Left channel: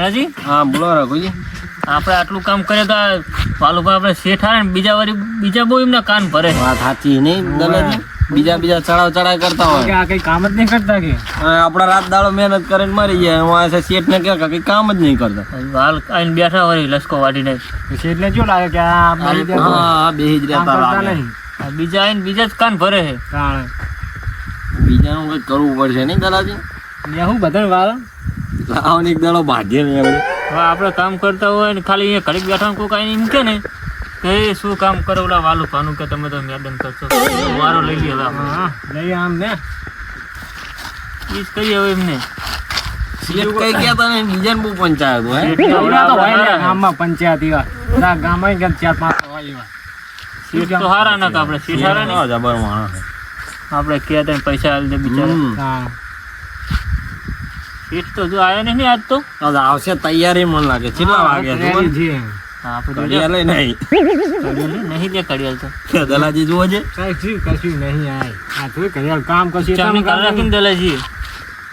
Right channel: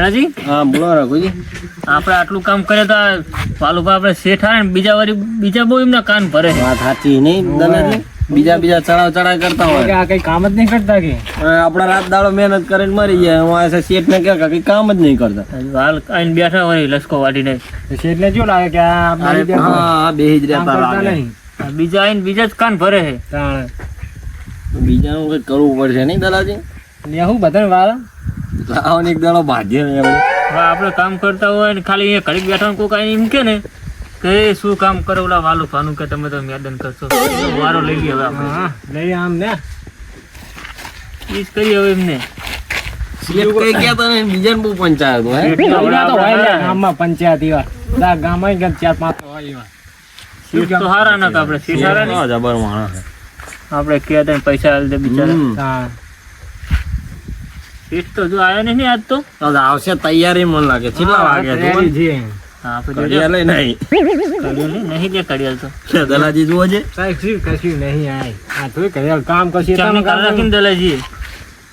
જણાજી હા બોલો રઘુજી. આપણે આટલું કામ કરે તો વાલુભાઈ આપણે શેઠ આવે ને બીજા બહુ એમના કાન ભરે. વાત સાચી નહીં દલાજી? બીજા ચડાવ કરતા હોય આ કઈ કામ જ નહીં કરતા કે આપડા રાત દાડો મહેનત કરીને મરી જાય. શેઠ ને કે કઈ કામ જ નહીં કરતા. હાલ આઈને બેઠા હોય લસકો વાટીને. શેઠને શું લાગે કે હા બેહી જ રહેતા લાગે. બીજા આઈને બીજા જ કાન ભરે છે. બીજાનું કઈ કરવું પડશે નહીં દલાજી? હું બધા વાળા લાવો ને એક દાડો ભાગ્ય નહીં હવે. આપણે કામ કરતા હોય ને ખાલી ઘડીક બેઠા કોઈ કાંઈ એમ કે ને કે શું કામ કરો ઓલા વાલું પાનું કે તમે તો મેડમ કરશો વારો લઈ લે હવે લઈ આમ ને ઈ જ કરીએ હવે એમને. કઈ ગયા તા ને બીજાને બહુ પંચાયત હોય. ગામમાં પંચાયત એવા ગામમાં 4-5 હોય એવા. સીટ તો હારા ના આપણે સીટ હારા નહીં જબર માણસ. આપણે કહેતા ને પૈસા આલ દે બિચારા. હા સીટ તો જો આવ્યો નહીં આજ તો આવશે તૈયારી મને લાગે. કેટલા વાગે કડિયાલ નહીં નહીં દે કડિયાલ તો દલાજી જુઓ છે. કશું નહીં આ જોઈ કરિયાલ કામ કરશે રાખીને દલાજી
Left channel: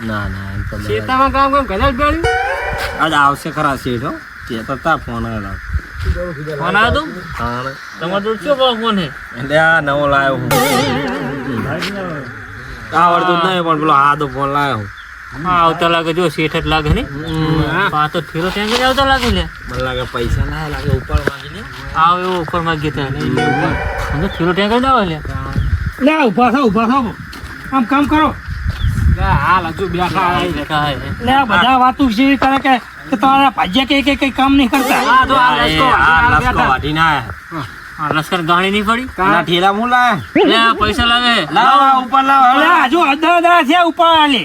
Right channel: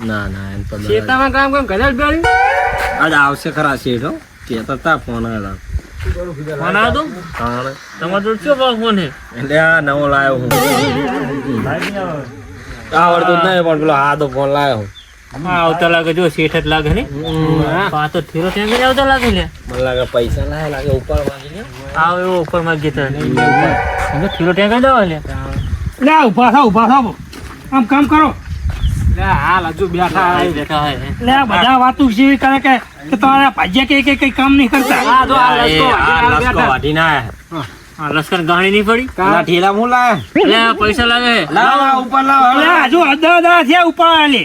ના એમ તો ખેતામાં કામ કરિયાલ બેડી આજ આવશે ખરા શેઠ હો. કેતા તા ફોન આવ્યો. ફોન આવ્યો તો તમારે જોડે શું ફોન છે? એટલે આ નવો લાવ્યો હું. આવડતું જ નહીં પણ પેલો હાદો ફોન લાવ્યો હું. હા આવતા લાગે જો શેઠ જ લાગે ને પાછો થીરો ત્યાં જ આવતા લાગે ને. મને લાગે પૈસા ના લાગે ઉપર માંગી લે. આવ એવો ઉપર માંગી તો થીરો ત્યાં જ આવે ને. લે ઉભા થાવ આમ કામ કરો. લે હાલ હજુ બેઠા લે બધા વાતું છે કરે કે તમારા ભાજ્યા કે કઈ કામ નહીં કરતા. લશ્કર ગાણી નહીં પડી ઠેલા હું લાવે. પૈસા લાગે ઉપર લાવો. લે હજુ અડધા થયા ઉપર આલે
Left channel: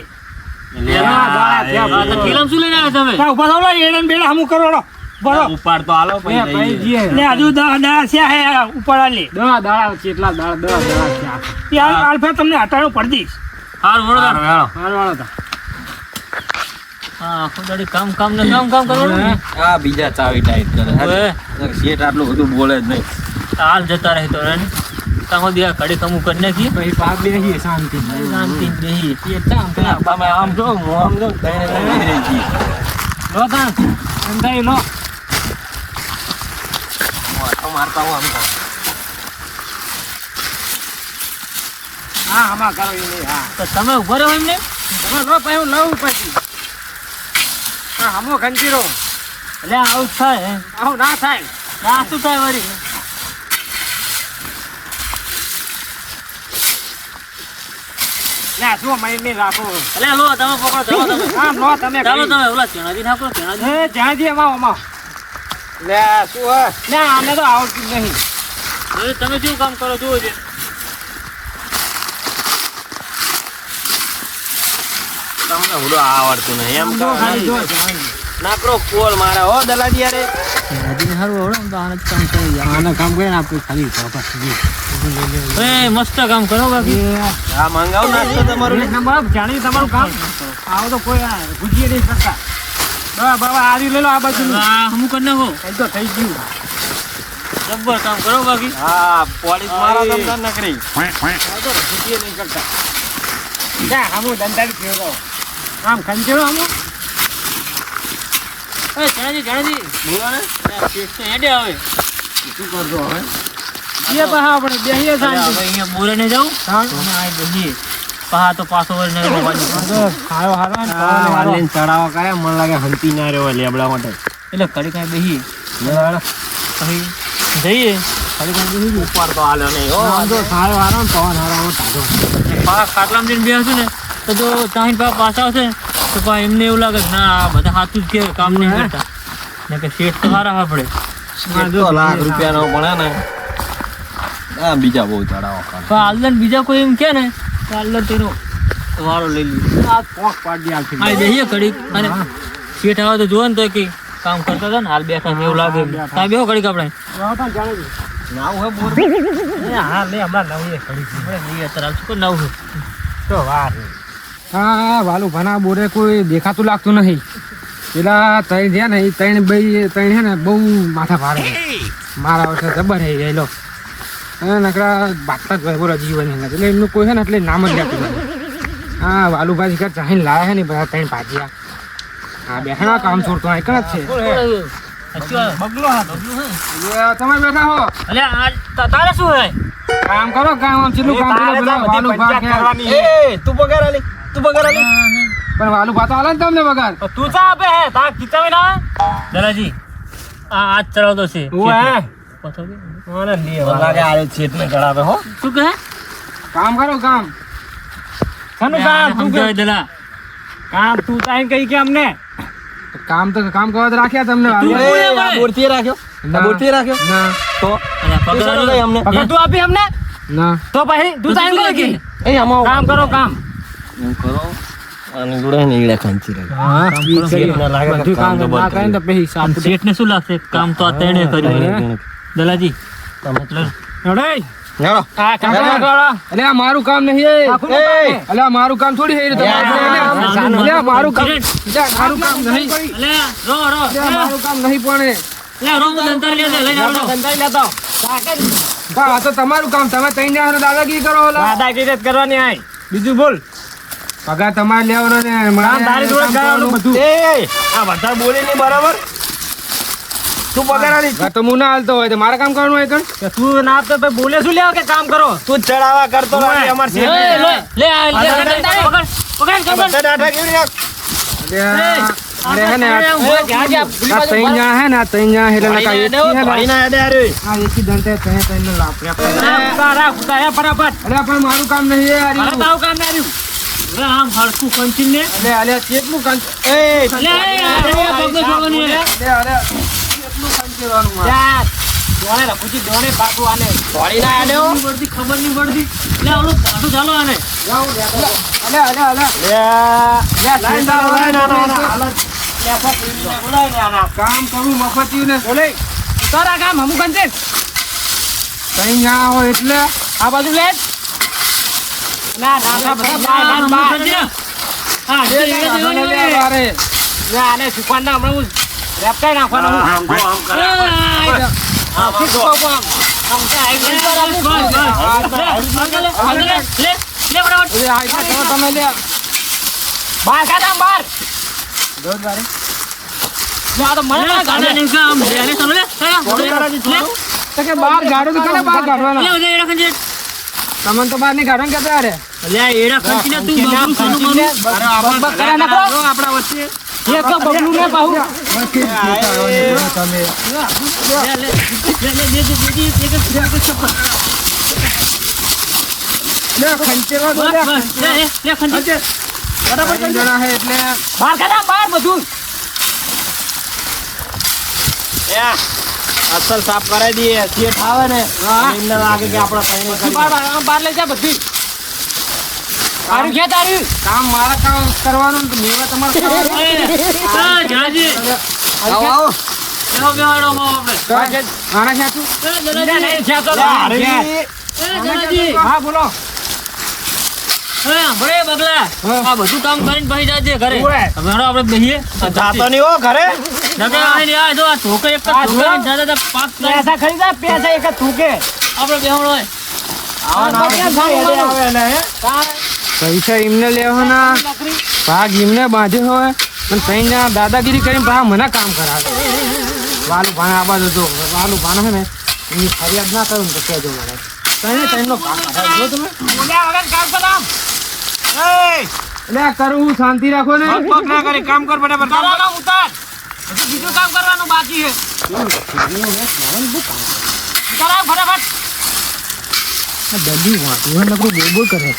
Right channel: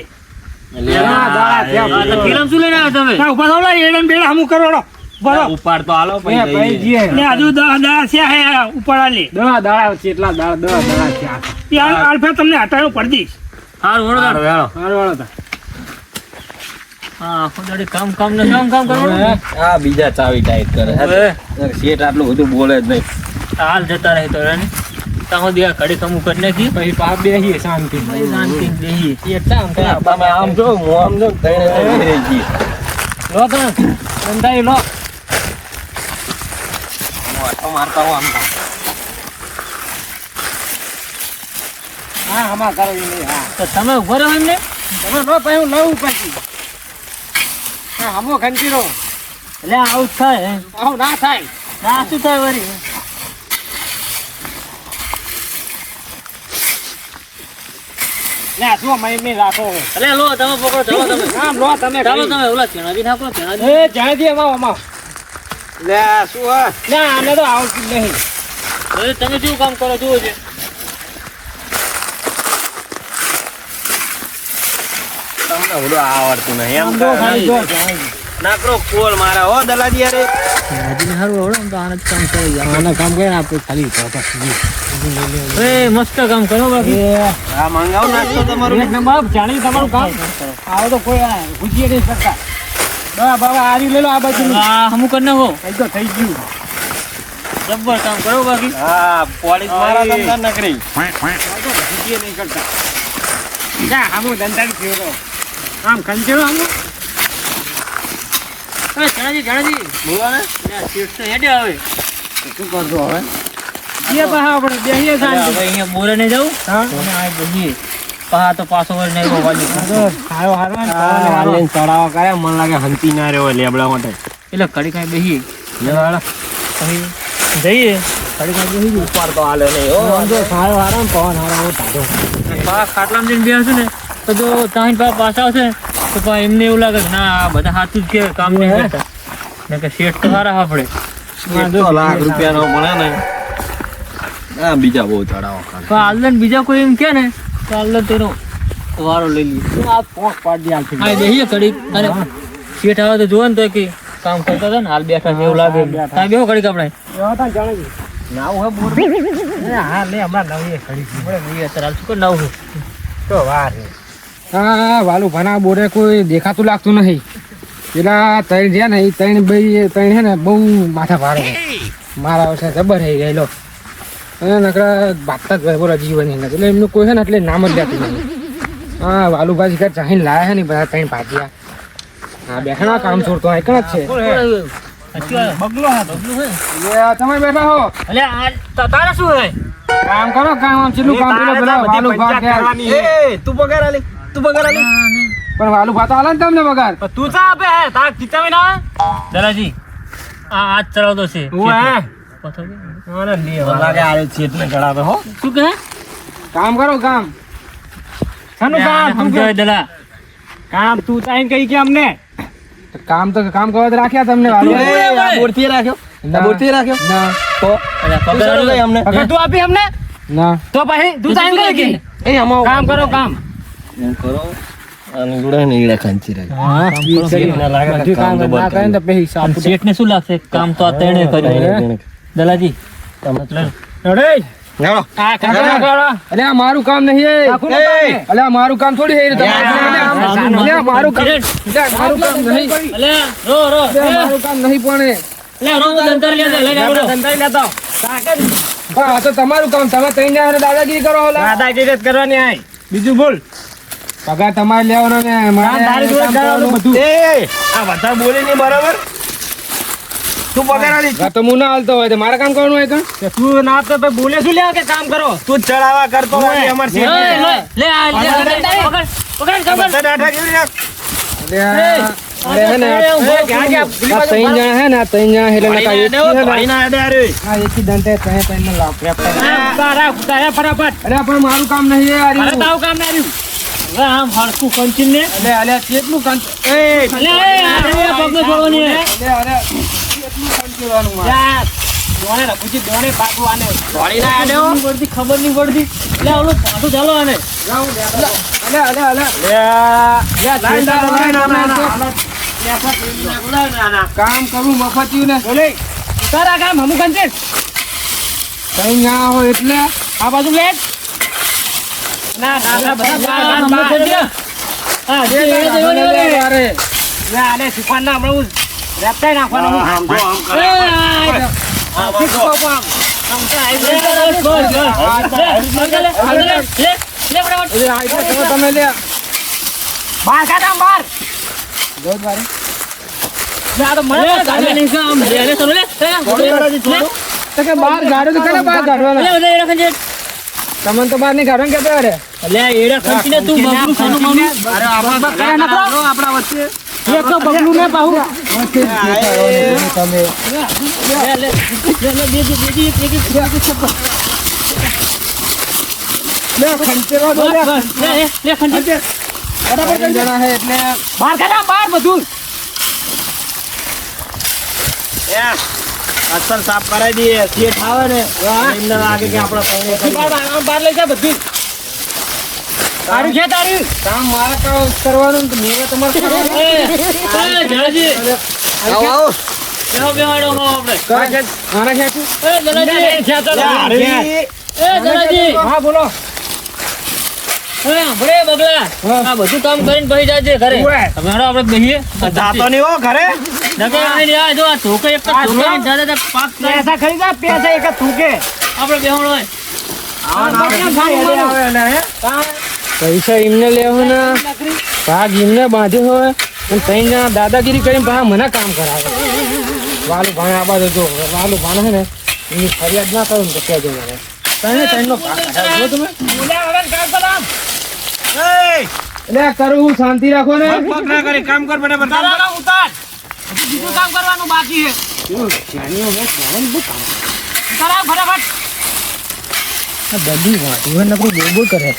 થીરામ શું લઈને આવ્યા તમે? ઉભા થાવ એડમ બેડા હમું કરો બરો ઉપર તો હાલો લે હજુ 10 થયા હે ઉપર આલે 10 દાડા કેટલા દાડા 10 દાડા થયા ત્યાં આલ્ફે તમને હટાયો પડી દઈશ. હારું વળો મારવાળો હતા હા થોડી કામ કરવાનું. આ બીજા ચાવી ટાઈટ કરે. શેઠ આટલું બધું બોલે જ નહીં. હાલ જતા રહે તો રે તમે બે ઘડી કમું કરી નાખી પછી પાપ બેહીએ શાંતિ બેહી તમે આમ જો હું આમ જો કઈને રહી ગઈ. લો કામ ધંધાઈ લો મારતા હો આમ. હા આમાં કરો એ નહીં હા તો તમે ઉભો રહો એમને. તમે લો પછી હું લઉં પછી હા હમો ખંચીરો એટલે આવું જ થાય આવું ના થાય ના શું થાય વળી લે શું મહિને રાખો એટલે લો તમે પકડો ચાલો તમે આમ લો તમે ચાલો તમે ઓલા ચણાજી નાખો ચણાજી એ જાણજી અમાવ લે શું હે ના આને તો આવતું નહીં તમે શું કામ કરો જુઓ છે તમને બધું આવડતું નહીં એમ. આમ તો ખાલી જો નાકરો કોલ મારે હો દલાજી યાર. ચણાજી હારું આવડે તો આને જ કામ કરી આને કામ કરે આપણે ખાલી પાપા એ મસ્ત કામ કરો બાકી આ મંગાવ નાખતો તમારું. એક નંબર જાણી તમારું કામ આવો તો કોઈ ગુજ્જી નહીં શકતા દવા બાબા આરી લઈ લો આ બાજુ હા હમું કરી નાખો એ તો થઈ ગયું જબ્બર કામ કરો બાકી હા પોલીસ મારા તમને નકરી. ગુજ્જી નહીં કરતા ના આમો ધંધા થયો આમ ખંચેરો આમ એ ચણાજી બોલો ને. સીટ તો હેડે આવે શું કરજો હવે? એ પાછા આપણે બેહીએ હવે શાંતિ અહીંયા બોલે નહીં જાઉં હા તમે આ બહીએ પા તો પાછો વળી નહીં રોવાનું હારો હારો આ વાલીને ચડાવો કરે મને લાગે હંપી ના રહ્યો લેબડા માટે. એટલે કડી ખાઈ બેહીએ પછી જઈએ કડી ખાઈ બેસી ઉપર તો હાલ્યો નહીં હો. આમ તો સારો હારો ને પવન હારો તાજો પા ખાટલામાં જઈને બેસું ને તો જો તાહીન પા પાછા આવશે ને તો પા એમને એવું લાગે કે ના આ બધા હાથું જ કે કામ નહીં કરતા ને કે શેઠ તો સારા આપણે લાખ રૂપિયાનો મળે ને. આ બીજા બહુ ચડાવો કરે. તો આલન બીજા કોઈ એમ કે ને તો આલન તેનો વારો લઈ લઈએ આ પોક પાડી આલથી હા બેહીએ કડી અને શેઠ આવે તો જોવે ને તો કે કામ કરતા હતા ને હાલ બેઠા છે એવું લાગે ત્યાં બેહો કડી આપણે એવા પણ જાણે છે નાવ હે બોર. હા લે હમણાં નવી ખડી નહીં અત્યારે આવશું કોઈ નવું તો વાર હા વાલું ભણા બોરે કોઈ દેખાતું લાગતું નહીં પેલા ત્રણ રહ્યા ને એ ત્રણ હે ને બહુ માથા ભાડે મારા વર્ષે જબર થઈ ગયેલો અને નકરા બાતતા જ બોરા જીવન એટલે એમનું કોઈ છે ને એટલે નામ જ લેતું નથી હા વાલુભાઈ ઘર ચાહીને લાયા છે ને બધા ત્રણ ભાજીયા હા બેઠા કામ છોડતો આ એકણ જ છે બગલો હા બગલો હે એ તમે બેઠા હો અલે આ તારે શું હે કામ કરો કામ આમ ચીલું કામ પેલો પેલા વાલુ ભાગ ગયા એ તું પગાર આલી પણ વાલુ ભાત આલે ને તમને પગાર તો તું ચા આપે હે તાર કિતા ના દલાજી આ આજ ચલાવતો છે ઓએ પથો ઓને લે લાગે આરે છેટ ને ગળાવે હો શું કહે કામ કરો કામ શાનું કામ સમજાય દલા કામ તું તાઈન કઈ કે અમને કામ તો કામ કરવા તો રાખ્યા તમને વાલુ તું બોરતી રાખ્યો ના. બોરતી રાખ્યો ના તો અલે પગાર દઈ અમને પગાર તું આપી અમને ના તો પછી તું તાઈન કઈ કે એ અમા કામ કરો કામ એમ કરો અને જોડે ને ઈડા ખાંચી રાખ હા ઈ કરી ના લાગે તો બધું કામ કામ તો ના બંધ કરે તો પછી સાફ શેઠ ને શું લાગશે કામ તો આ તેણે કર્યું દલાજી અરે હેલો આ કામ કરો અલે આ મારું કામ નહીં અલે આ મારું કામ થોડી હે અલે આ મારું કામ નહીં અલે રો રો અલે આ મારું કામ નહીં પણ લે રો ધંધા લે લે રો ધંધા લેતા આ તો તમારું કામ તમે તઈ જાવ દાદાગીરી કરો હોલા દાદાગીરી જ કરવાની આય બીજું બોલ પગાર તમારે લેવાનો ને મારે તારી જોડે કરવાનું બધું એ આ બધા બોલે નહીં બરાબર તું પગાર આલી તો હું ના હાલતો હોય તો મારે કામ કરવાનું હોય કણ તું ના આપતો ભાઈ બોલે શું લેવા કે કામ કરો તું ચડાવા કરતો નથી અમાર લે લે પકડ બધા ડાઠા કેવી રાખ અરે હે ને આ તઈ જણા હે ને આ તઈ જણા એટલે નકા એક હે ને ભાઈના હેડે આરે આ એકી દંતે તઈ તઈ ને લાપ ફટાફટ અરે પણ મારું કામ નહીં યાર તારું કામ નહીં આવ્યું આમ હળકું કંચીન ને અલે કેટલું કામ લે પગને છોડવાની અરે કેટલું કામ કરવાનું મારે ખબર નહીં પડતી લે ઓલું પાછું ચાલો આને કામ કરું મફતિયું ને તારા કામ હમું કંચે કઈ ના હોય એટલે આ બાજુ લે ના ના બધા હા જે દેવાની અરે આને સુપાન ના હમણાં રેપટાઈ નાખવાનું તમે લે બાર કાઢા બાર બાર ગાડો તો કને બાર કાઢવાનો તમને તો બાર નહીં કાઢવાનું કેતા અરે એડા ખંચીને તું બબલું સોનું માનું આપણા વચ્ચે એક તો બબલું લે પાહુ તમે લે ખંચેરા દો લે બરાબર જણા હે એટલે બાર કાઢા બાર બધું અસલ સાફ કરાવી દઈએ શેઠ આવે ને એમને લાગે કે આપણે બાર લઈ જા બધું તારું છે તારું કામ મારા કામ કરવાનું તો મેવા તમારે હા બોલો બગલા આ બધું કામ કરીને પછી જાય છે ઘરે હવે હેડો આપણે બેહીએ જાતો નહીં હો ઘરે પૈસા ખરીદા પૈસા એક થૂકે પૈસા એમને લેવાના ભાગ એમને બાંધ્યો હોય અને તઈ દાદાગીરી કરીને પાછા મને કામ કરાવે વાલુ ભાને આ બાજુ જો વાલુ ભાને છે ને એની ફરિયાદ ના કરું ને તો કહેજો મને તઈનો ભાગ કરાવજો તમે એટલે કરું શાંતિ રાખો ને કામ કર બરાબર બીજું કામ કરવાનું બાકી છે બધી વાંધો નકરું બોલ બોલ કરે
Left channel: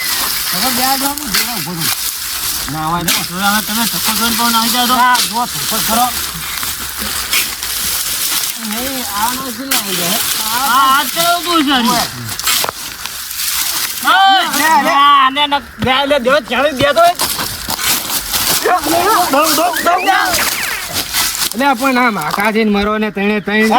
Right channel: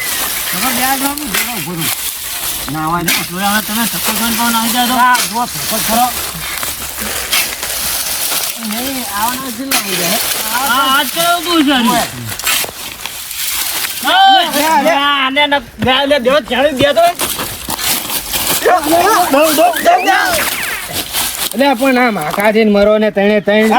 એટલે પણ આમ આકા જઈને મરો ને તણે તણ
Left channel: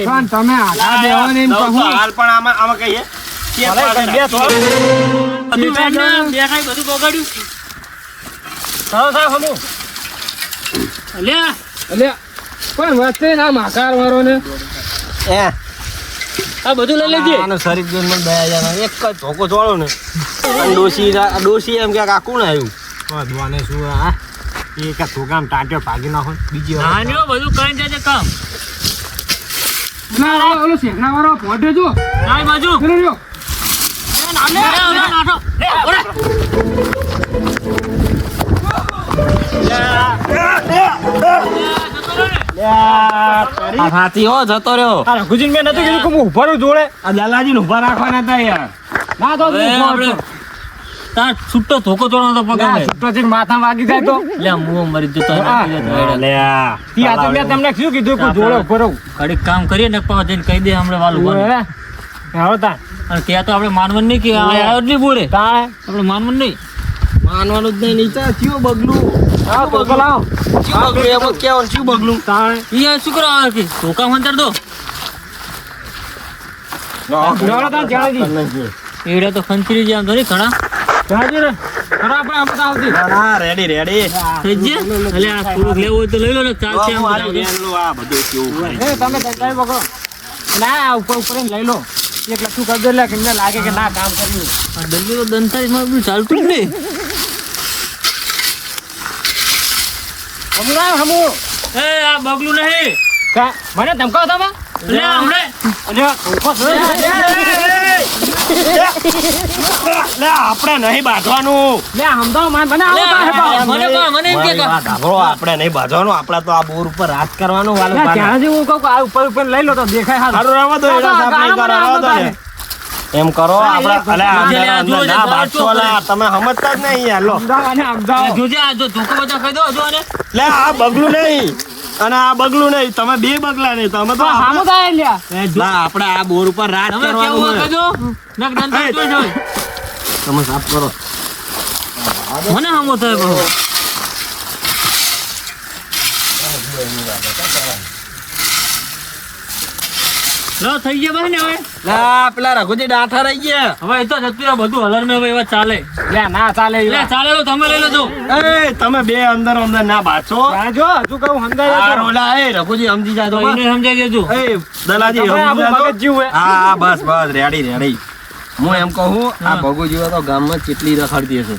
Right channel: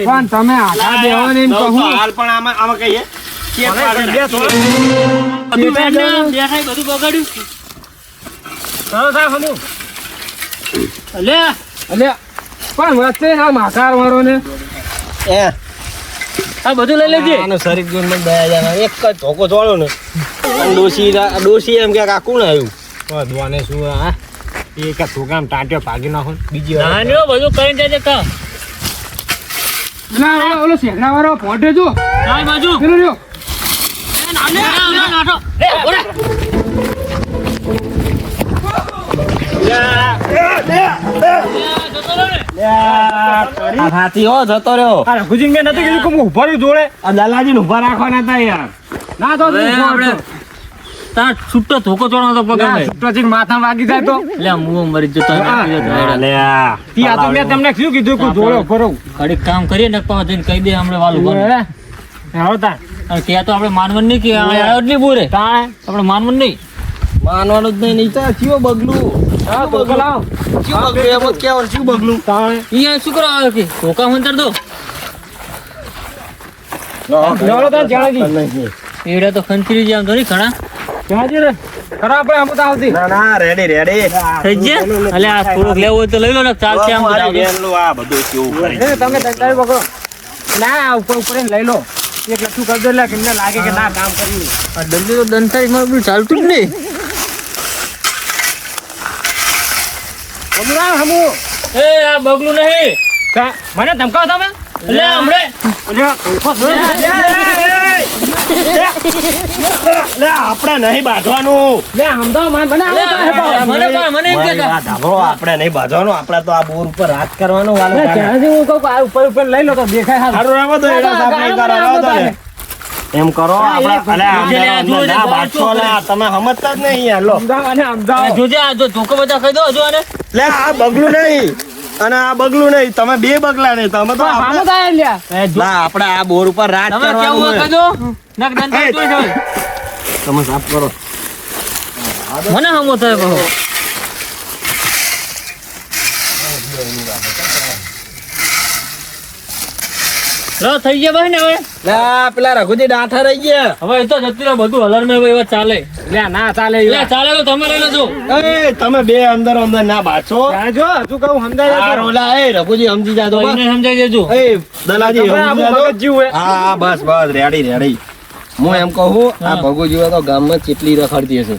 પણ તમે આકા દેવો ને એમ કહું હાલ પણ આમાં કહીએ એટલે પણ વચ્ચે ના માકાર મરો ને આ બધું લઈ લેજે. આનો શરીફ જોઈને મને દયા જાય. એક જ ધોકો ચોળો ને ડોશી એમ કે કાકું ને આવ્યું દોને શું હા એ કે છોકરામ ટાંટ્યો ભાગી નાખો બીજી વાર નાનીઓ બધું કરીને જાય કામ. ઓલો શેખડા વાળો પોટે જો આ બાજુ પેલો રહ્યો નાઠો. હાથી હો જતો રહ્યો. રઘુજીને મેં નતું કીધું કે હું ઉભા રહું જોડે આ દલાજી ને ઉભા રાખવાના હતા યાર. ના તો હવે આપણે તાર છૂટો ધોકો ચોળવાનો તો પકડ લે. છૂટો જઈને માથા વાગી જાતો લે હું મરી જતો ત્યાં તો મેં તમને શું કીધું કે જોડે ઉભો રહું ઘડીક કામ કરીએ ને પાછા જઈને કહી દે હમણાં વાલું બને. આવતા અને ત્યાં તો આપણે માનવાનું નહીં કે આવ્યો જ નહીં બોરે તાણે આપણે માનવાનું નહીં. માનવાનું જ નહીં તો કયો બગલું ધોકો લાવો શું બગલું એમ જ કહેવાનું શું બગલું તાણે અહીંયા શું કરવા આવે કે ધોકા મંતર દો જોડો તાર જાણજી એડા તો ખંચરી જેમ તો નહીં ઘણા જાણજી રે ખરા આપણે અમુક આવતી ના ના રેડી થઈ ગયા. એટલે આ થોડુંક લેવું હોય તો લઈ લો ને ચાલશે આમ તો ચાલશે. આ બધું કેવું કરે તમે ધંધાઈ પકડો ના આ ઉપર ઉપર એને લઈ લો એક લખી કહી દો કે મને લાગે કે ના કામ કર્યું આ ડબ્બી તો દંતાઈ માં બધું ચાલતું જ નહીં. સમજાય હમુ એ આ બગલું નહીં મને ધમકાવ તમે એટલે હમણે આપણે નહીં બાંધવાનું લે સમજાવ મને મને એમ કે આપણે નહીં બાંધવાનું આપડે તો આ બોર ઉપર હાથ કરવાનો વાલો જાણજી હું કહું આ ઉપર ઉપર લઈ લો તો દેખાય હારું. સારું રહેવા દો એના સાહેબ નહીં કરો, રહેવા દો ને. એમ કરો આપણે ના બાંધશો અલા, તમે સમજતા જ નહીં યાર લો સમજાવ અને સમજાવ જોજે આ જો ધોકો બધા કહી દો હજુ આને. લે આ બગલું નહીં અને આ બગલું નહીં, તમે બે બગલા નહીં, તમે તો સામો થાય લ્યા ના આપણે આ બોર ઉપર રાત તમે કરવાનું કેવું છે. કહી દો નક દંતાઈ જોઈ જાવ. તમે સાફ કરો. મને હમો થાય બહુ. લો થઈ ગયા ભાઈ ને હવે લે આ પેલા રઘુજી ડાઠા રહી ગયા. હવે એ તો જતું રહ્યું બધું હલર મેં એવા ચાલે. લે ના ચાલે લે ચાલે લો તમે લઈ લેજો. એ તમે બે અંદર અંદર ના બાછો. જો હજુ કહું સમજાય આ રોલા એ રઘુજી સમજી જાય તો બસ. એને સમજાવી દેજો. એ દલાજી સમજી જાય તો. જીવ હા બસ બસ રેડી રેડી. હું એમ કહું આ ભગુજી તો ગામમાં કેટલી રખડતી હશે.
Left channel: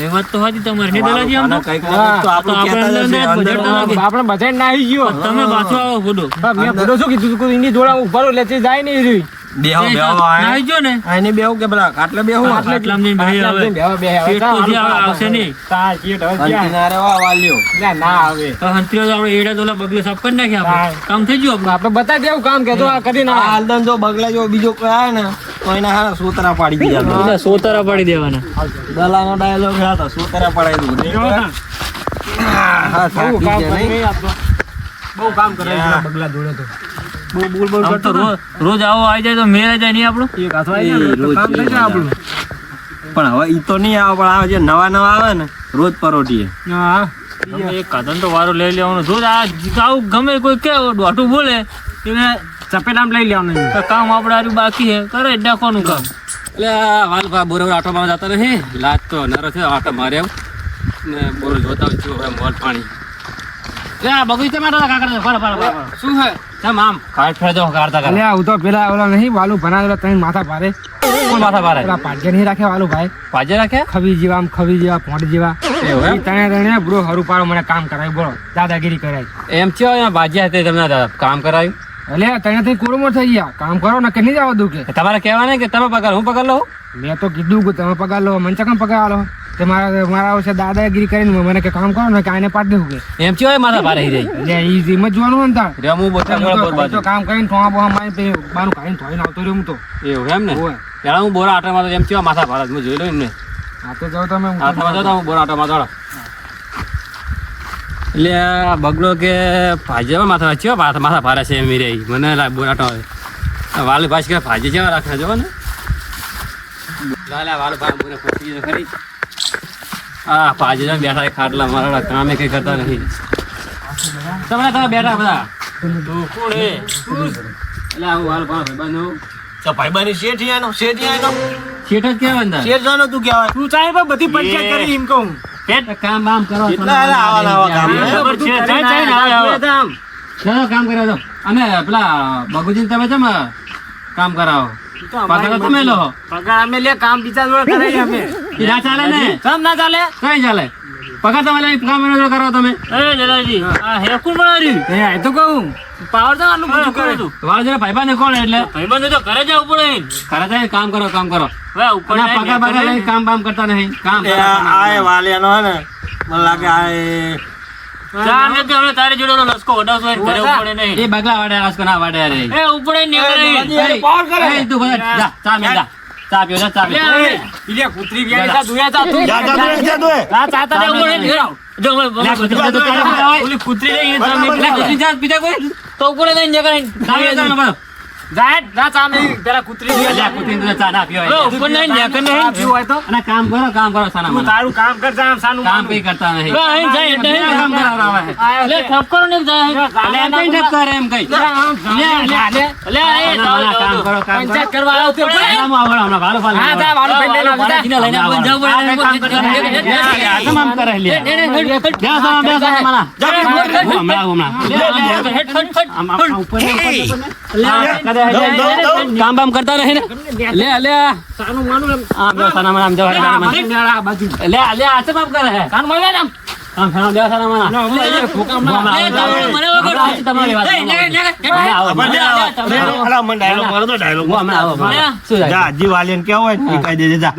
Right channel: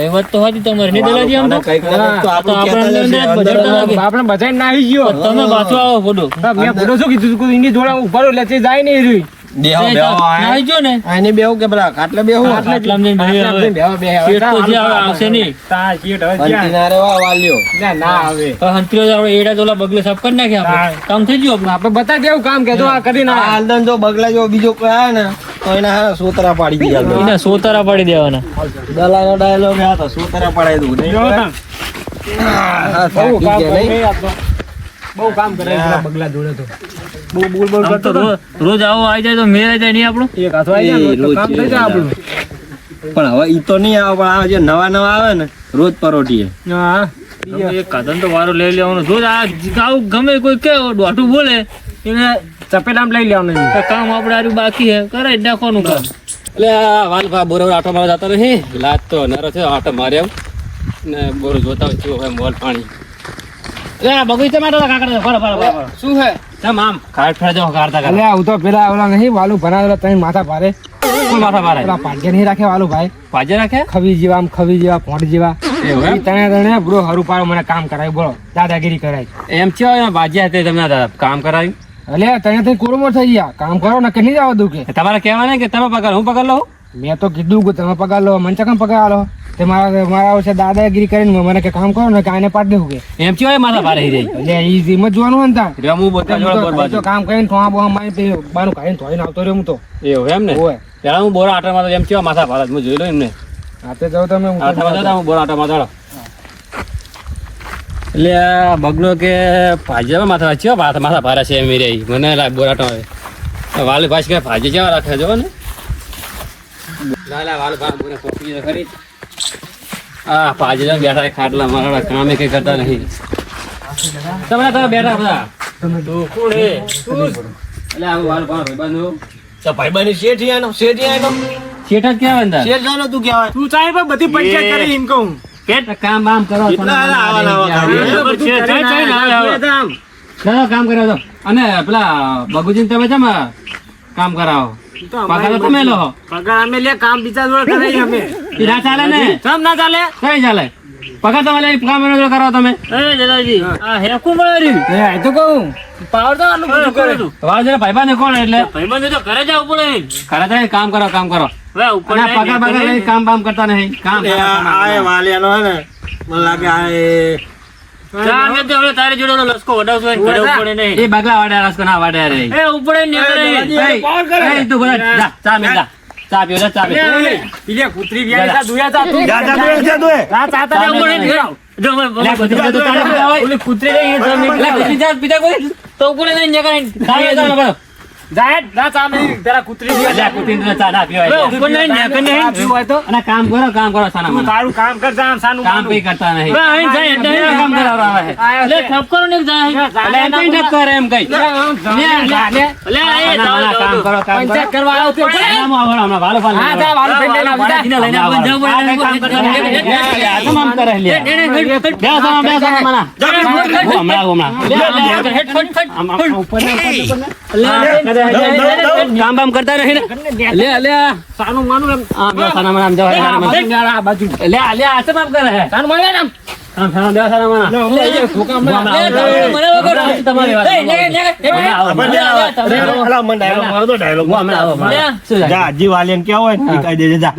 એ વાત તો સાચી તમારી નહીં દલાજી આમ તો. કંઈક ને કંઈક તો આ તો તો આપણે કહેતા જ હશે. અંદર અંદર અંદર આપણે બજાર ના આવી ગયો તમે પાછો આવો ફોટો. મેં ફોટો શું કીધું તું એની જોડે ઉભા રહો લેતી જાય નહીં રહી બેહો બેહો નાઈ જો ને આને બેહો કે પેલા ખાટલે બેહો. આટલામાં જઈને ભાઈ હવે પેટ તો જે આવે આવશે નહીં. કિનારે વાલ્યો. ના આવે તો હંતરીઓ તો આપણે એડા તોલા બગલે સાફ કરી નાખ્યા આપણે. કામ થઈ ગયું આપણું. આપણે બતાવી દેવું કામ કે જો આ કરી ના હાલદન જો બગલા જો બીજો કોઈ આવે ને તો એને હા સોતરા પાડી દીધા. એને સોતરા પાડી દેવાના. દલાનો ડાયલોગ હા તો સોતરા પડાવી દઉં. હા બહુ થાકી કામ ગયા નહીં? કરે બહુ કામ કરે છે બગલા જોડે તો બહુ બોલ બોલ આમ તો કરતો રોજ આવો આવી જાય તો મેળ આવી જાય નહીં આપણું. એક હાથો આવી જાય ને તો કામ થઈ જાય આપણું પણ હવે ઈ તો નહીં આવે, પણ આ જે નવા નવા આવે ને રોજ પરોઠીએ. હા એક કાધન તો વારો લઈ લેવાનો. રોજ આ આવું ગમે કોઈ કે દોઢું બોલે એને ચપેટામ લઈ લેવાનું તો કામ આપણે આર્યું બાકી હે કરે જ નાખવાનું કામ. એટલે વાલભા બોરો આટો મારવા જતા રહે લાજ તો નરો છે આટો મારે આવ ને બોરો જોતા હોય કેવું હોય મોલ પાણી બગીચા માટે કાકડા શું હે કેમ આમ કાઢ ફેરા જાવ કાઢતા અલે આવું તો પેલા ઓલા નહીં વાલું ભણાવેલા તઈ માથા ભારે શું માથા મારે પેલા પાડ્યા નહીં રાખે વાલું ભાઈ પાજે રાખે ખવી જેવા આમ ખવી જેવા પોંટ જેવા એવું એમ? ઈ તણે તણે બ્રો હરું પાડો મને કામ કરાય બોલો દાદાગીરી કરાય એમ થયો બાજ્યા હતી તમને કામ કરાવ્યું અલે તણે તઈ કોરમો થઈ ગયા કામ કરો ને કે નહીં જવા દઉં કે તમારે કહેવાને કે તમે પગાર હું પગાર લઉં મેં તો કીધું કે તમે પગાર લો મને ચકમ પગાર આલો તે મારા વર્ષે દાદાગીરી કરીને મને કે કામ કરો ને કે આને પાડી દેવું કે એમ થયો માથા ભારે રહી એટલે ઈ જીમ જ જોવાનું હોય ને તાર રેમું બોતા હું તો કામ કરીને થોડા બોહા મારી તે બાનું કાઢીને ધોઈને આવતો રહ્યો હું તો એવું એમ ને હોય પેલા હું બોરા આટા માં એમ થયો માથા ભારે હું જોઈ લઉં એમને હાથે જાવ તમે હું તો આટા માં હું બોરા આટા માં ચાલો એટલે આ બગલો કે ભાજ્યા માથા વાંચ્યો માથા ભારે છે એમ રહી મને બોરા આટા વાલ ભાષ કે ભાજી જેવા રાખે જો ને લાલા વાલ ભાઈ મને પોતી ખરી આ ભાજી જણ બેઠા ખાટલા મારા કામે કઈ કરતા નહીં તમે બેઠા બધા તું કોણ હે એટલે આવું વાલ ભાઈ બંધુ તો ભાઈબાની શેઠિયાનો શેઠિયાનો શેઠ જ ક્યાં બંધા શેઠ જાનો તું કહેવાય. તું ચાહે પણ બધી પંચાયત કરી એમ કહું કામ બામ કરો કેટલા આવા કામ હે? કામ કર્યો તો અને પેલા બગુજી તમે છે કામ કરાવો પગાર તો તમે લો પગાર અમે લે કામ બીજા જોડે કરાય અમે ઈ ના ચાલે ને કામ ના ચાલે કઈ ચાલે પગાર તમારે કામ એનો જો કરાવો તમે એ દાદાજી આ હેકું માર્યું એ આ તો કહું પાવર તો આનું બધું કરે તમારા જરા ભાઈબંધ ને કોણ એટલે ભાઈબંધ તો ઘરે જાવ પડે ખરા જાય કામ કરો હવે ઉપર અને આ પગાર લઈને કામ કરતા નહીં કામ આ વાલિયાનો હે ને મને લાગે આ ચાર ને તો હવે તારી જોડે ઓલો લસકો વડાવશો ને ઘરે ઉપડે નહીં એ બગલા વાડ્યા રસકો ના વાડ્યા રે એ ઉપડે નીકળે એ તું બોલ જા ચા મે જા ચા પીઓ ચા પીઓ ઈલે કૂતરી વ્યાઈ તા દુયા તા તું જા દે આ ચાતા ને ઉડે નીકળો જો લે કુતરી તો તારા ઓલી કૂતરી રહી તો લે કુતરી જા બીજા કોઈ તો ઉપડે નહીં નીકળે કામ જા બોલો જાય ના ચામે તેરા કૂતરી લે કુતરી તો ચા ના પીઓ હવે ઉપર નહીં નીકળે નહીં પીવું હોય તો અને કામ કરો સાના મને તારું કામ કર જા સાનું કામ કઈ કરતા નહીં હવે અહીં જાય એટલે એને કામ કરાવરાવે છે લે ઠપકરો ને જાય એટલે એમ કઈ ઠપ કરે એમ કઈ લે એ કામ કરો પંચાયત કરવા આવ્યો તે કામ આવડે હમણાં ભાલો ભાલો હા જા વાળો ફેલ લઈને આવતા લઈને આપણ જાવ આ કઈ કામ કરે આ તમામ કરે લે બે સાના મના હમણાં ઉપર કામ બામ કરતા નહીં લે લે સાનું માનું એમ આ બે સાના મના જવા આ બાજુ લે લે આ છે બાપ કરે હે સાનું માને એમ કામ સાના બે સાના મના હમણાં એ છોકરા હમણાં તમારી વાત અલા મને ડાયલોગ મારો તો ડાયલોગ હમણાં આવો જા જી વાલિયાને કેવો હોય ને કહી દેજે જા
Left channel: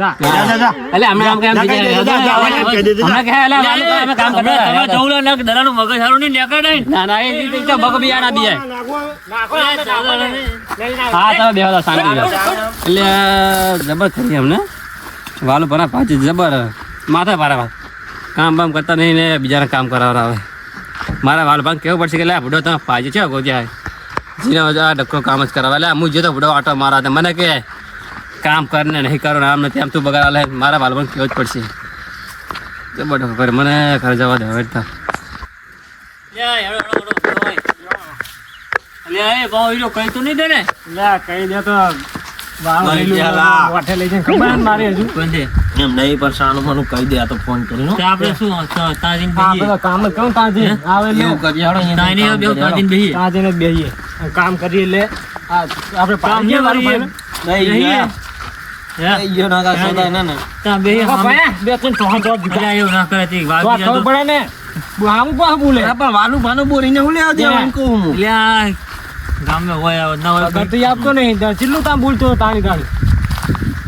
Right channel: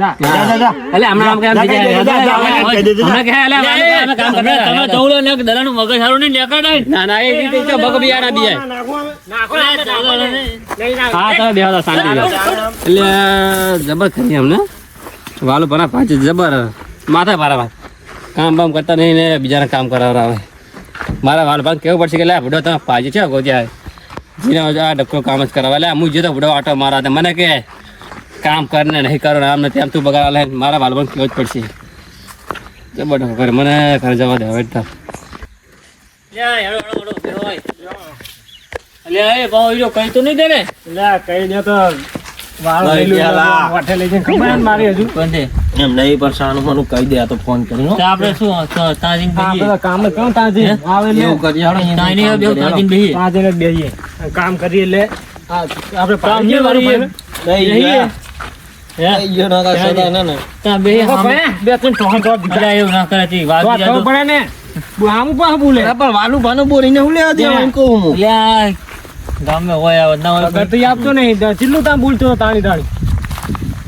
એટલે હમણાં કામ હમણાં કે એટલે અમે કામ તમે કરતા ચૌલો ને દલાનું મગજ સારું નહીં નીકળે ના એ રીતે બગ બિયા ના દિયા હા તમે બેહો શાંતિ એટલે જબર કરી અમને વાલો ભરા પાંચ જબર માથા ભારે વાત કામ બામ કરતા નહીં ને બીજાને કામ કરાવરાવે મારા વાલ ભાગ કેવું પડશે કે લે બુડો તમે પાજે છે ગોજ્યા જીને આ ડક્કો કામ જ કરાવે એટલે હું જતો બુડો આટો મારા મને કે કામ કરને નહીં કરો ને આમ નથી આમ તું બગાડ લે મારા વાલ ભાગ કેવું જ પડશે જબર કરે મને ઘરે જવા દે હવે તો એ ભાવ હીરો કઈ તો નહીં દે ને લે કઈ દે તો વાળો લઈ લઈ ગયા લા. વાઠે લઈ જઈને ખબર જ મારી હજુ બંધે એમ નહીં પણ સાનું મને કહી દે આ તો ફોન કરીને તો આપણે શું તાજીન હા બેહીએ પેલા કામ જ કેમ તાજી આવે ને એવું કરી હાડો અહીંયા. તાઈની બે તાજીન બેહીએ તાજીને બેહીએ કામ કરીએ એટલે આપણે કામ પાણી નહીં કરીએ દઈ ગયા. હે દઈ ગયો ના કાંઈ સોદા ના ને. ત્યાં બેહીએ સામે. બે ત્રણ ચોહા તો અલા, એવું ના કરે તે વાત તો જાતો. પડે ને આમ કોણ બોલે અરે પણ વાલું ભાનું બોરીને હું લેવા દેવા એમ કહું હું. એટલે આ ગામમાં હોય આવે ના હોય અગર તો ઈ આપતો નહીં તો ચિલ્લું તામ બોલતો હતો તાણી તાણી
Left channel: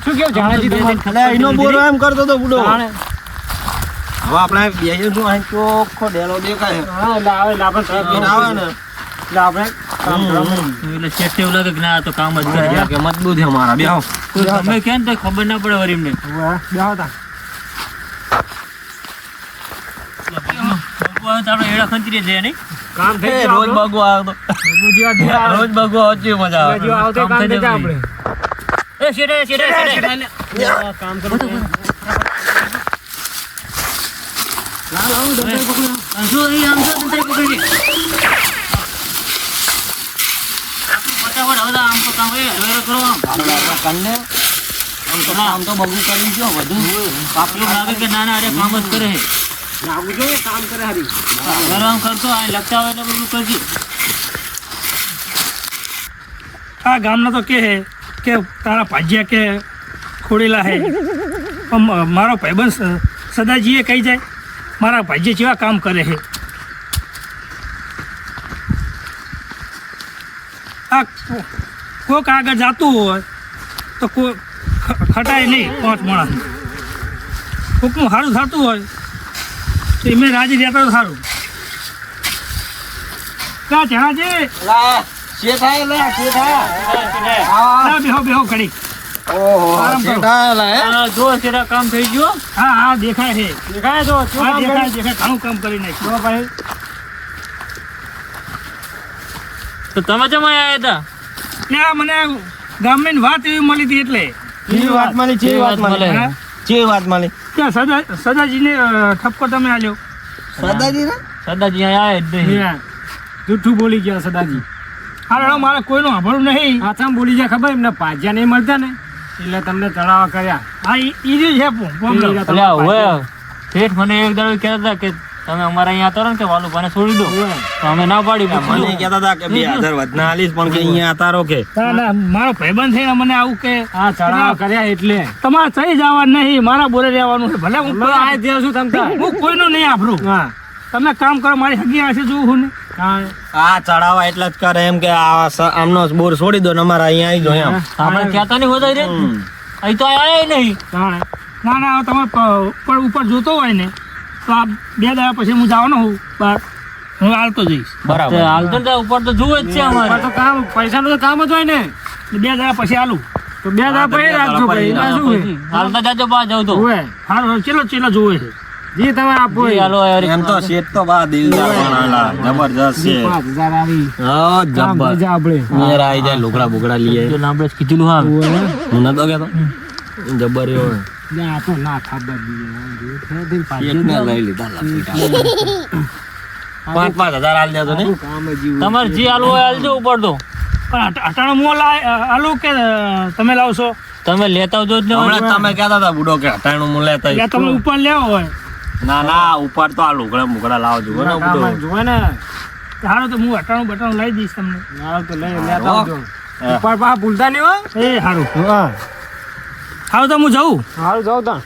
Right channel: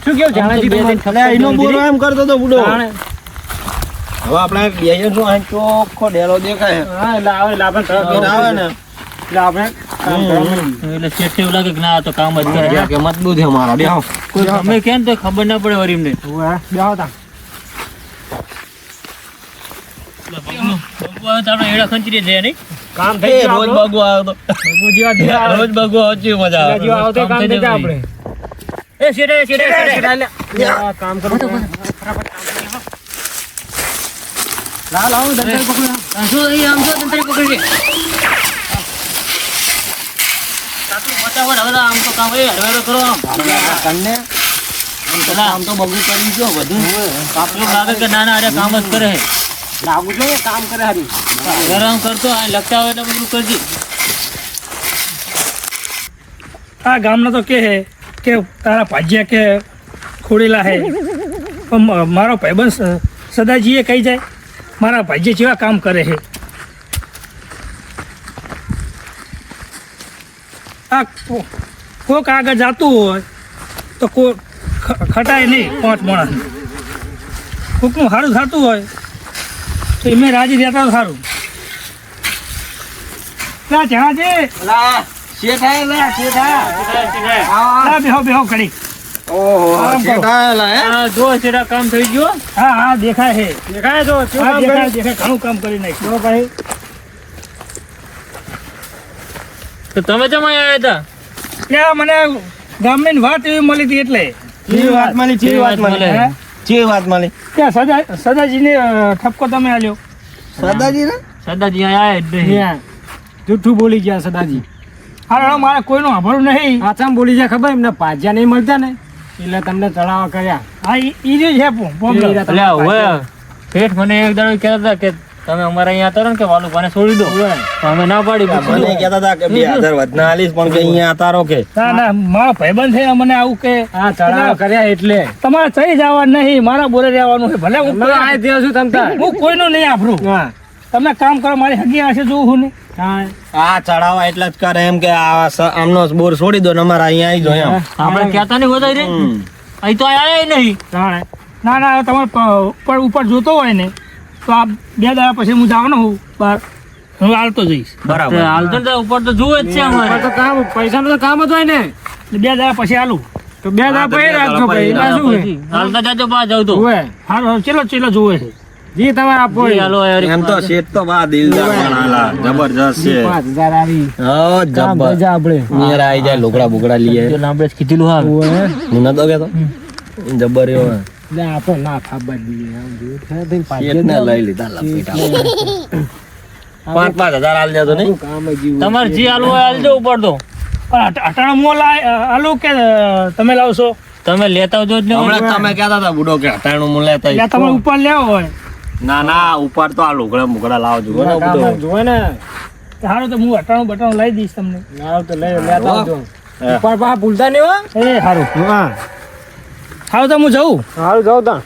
શું કેવું જાણે બે દિન અલે એનો બોલો એમ કરતો તો બુડો. તાણે હવે આપણે બેહીએ શું આ ચોખ્ખો ડેલો દેખાય. હા એટલે આવે એટલે આપણે તરત એને આવે ને એટલે આપણે કામ કરવાનું એટલે શેઠ એવું લાગે કે ના આ તો કામ જ કરે કે મજબૂત છે મારા બેહો. કોઈ ગમે કે ને તો ખબર ના પડે વરી એમને બેહો તા આપણે એડા ખંચરી જાય નહીં કામ એ થઈ ગયું રોજ બગો આવતો. રોજ બગો આવતી મજા આવે. આવતો કામ થઈ જાય આપણે એ શેઠે આ કામ કરો લાવ લાવ દંતરી પકડી શું અહીં આમ જો તંત્ર પકડી ફટાફટ હવે આમ તો કામ હરવેરો કરો આમ કન્ને આમ તો બગુ કરી ગયો બધું. એવું લાગે કે ના ના અરે કામ જ કરે છે લાગુ જો ને કામ કરે હારી આરામ કરતો આ લગતા હોય એટલે બધું કરજે આ ગામના તો કે હે કે તારા ભાજ્યા કે ખોડેલા હે પણ મારો ભાઈબંધ સદાજીએ કહી જાય મારા ભાજ્ય જેવા કામ કરે છે આ કોક આગળ જાતું હોય તો ખટાય નહીં 5 માણસ કોકનું સારું થતું હોય તો એમે રાજી રહેતા તો સારું ક્યાં જણાજે બેહો બેહો ઘડી જો સેટા કામ થઈ ગયો હા હા દેખાય છે દેખાય જો હા દેખાય દેખાય ઘણું કામ કરી નાખ્યું ભાઈ તો તમે જમા આવ્યા હતા ત્યાં મને ગામની વાત એવી મળી હતી એટલે કેવી વાત મળી? કેવી વાત મળી? હે? કેવી વાત મળી? ત્યાં સદાજીને ઠપકો તમે આલ્યો સદાજી ને? સદાજી આયા જ નહીં ત્યાં જૂઠું બોલી ગયા સદાજી હા મારે કોઈનું સાંભળવું નહીં આચામ બોલી ગયા ખબર એમને પાજ્યા નહીં મળતા ને એટલે તમને ચડાવવા કર્યા હા ઈ જ છે problem. એટલે હવે શેઠ મને એક દાડો કહેતા હતા કે તમે અમારા અહીંયા હતા ને કે વાલુભાને છોડી દો તો અમે ના પાડી મને કહેતા હતા કે 2000 વધના આલીશ પણ કે અહીંયા તારો કે ના ના મારા ભાઈબંધ છે મને આવું કે હા ચડાવ કર્યા એટલે તમારે થઈ જવાનું નહીં મારા બોરે રહેવાનું છે ભલે હું આ જ્યાં છું તમ તાર હું કોઈનું નહીં આભરું હા તમે કામ કરો મારી હગી આશે જોઉં હું ને આ ચડાવવા એટલે જ કરે એમ કે આમનો બોર છોડી દો ને અમારા અહીંયા આવી જો એમ આપણે કહેતા નહીં હોતા રે અહીં તો આયા નહીં ના ના તમારે ઉપર જોતો હોય ને તો આ 2 દાડા પછી હું જવાનો હું બહાર હું હાલતો જઈશ બરાબર હાલ તો ઉપર તો જોવે જ છે અમારે તો કામ પૈસાનું તો કામ જ હોય ને 2 દાડા પછી હાલું તો 2 દાડા પછી રાખજો ભાઈ એમાં શું છે હાલતા જાજો બા જવું તો હોય હાલો ચેલો જોવે છે જી તમારે આપો જી, હાલો યાર એમ તો શેઠ તો બા દિલદાર બનાલા જબરજસ્ત છે 5000 આવી હા કામ જબર ભજા આપણે મેરા આવી જાય લોકડા બોકડા લઈએ આપણે કીધેલું હાલ હું નતો કેતો જબર એવો લે આ તો ના ખબર દીધી શેઠ ને લઈ લીધા લપેટા 5,000 આલ દેતો નહીં કામ જ તમારે જે હાલવું હોય હાલજો ઉપર તો અટાણો મોલ હાલું કે તમે લાવશો તમે લેતા આવજો જ ને હમણાં તમે કહેતા હતા બુડો કે હટાણું હું લેતા આવીશ. તમે ઉપર લેવો હોય ના ના ઉપર તો આ લુગડા મુગડા લાવજો ને કામ બુડો. જ જોવે ને સારું તો હું અટાણું બટાણું લઈ દઈશ તમને ના તો લઈ લેતા આવજો ઉપર પા ભૂલતા નહીં હો એ સારું હા સારું તો હું જઉં હારું જાવ તા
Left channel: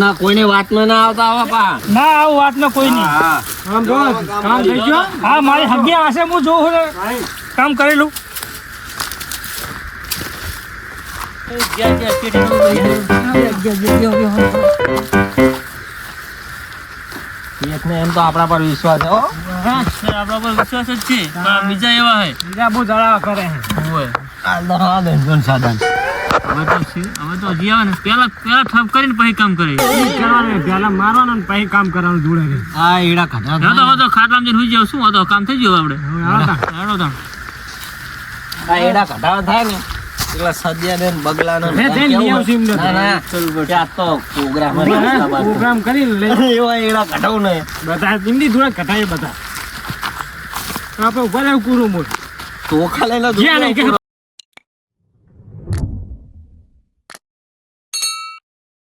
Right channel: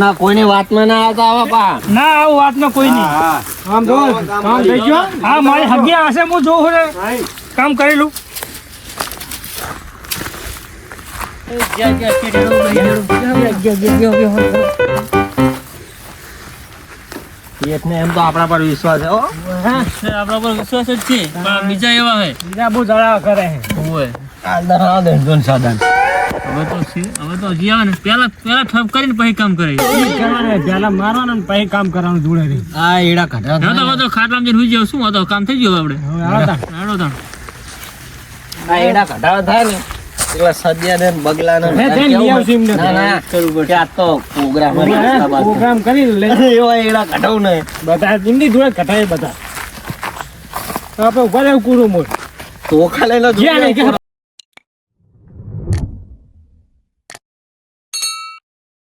ના કોઈની વાતમાં ના આવતા આવા પા ના આવું વાતમાં કોઈ નહીં હા આમ જો કામ થઈ ગયો હા મારી હગી હશે હું જોઉં ને કામ કરેલું શેઠને એમ તો આપણા પર વિશ્વાસ છે હો. આપણા પર વિશ્વાસ જ છે પણ બીજા એવા હે બીજા બહુ જણાવ કરે હોય આ દરા દે જોન સાધન હવે તો જી આવે ને પેલા ઠપ કરીને પછી કામ કરે કરવાનું પેલા મારવાનું ને પછી કામ કરવાનું જોડે રહી આ એડા કઢા હવે તો ખાટલામાં જઈને હુઈ જાવ શું હતો કામ થઈ ગયું આપણે હવે આવતા હેડો તા આ એડા કઢા થાય ને એટલે સજ્યા ને બગલા ને હે જઈને લઈ આવશું એમને. ના ના કે આ તો પ્રોગ્રામ પ્રોગ્રામ કરી લઈ એવા એડા કઢાવ ને બધા ઇન્ડી જોડે કટાય બધા આપણે ઉપર એવું કુરું મોર ચોખા લઈને જ્યાં લઈ ગયા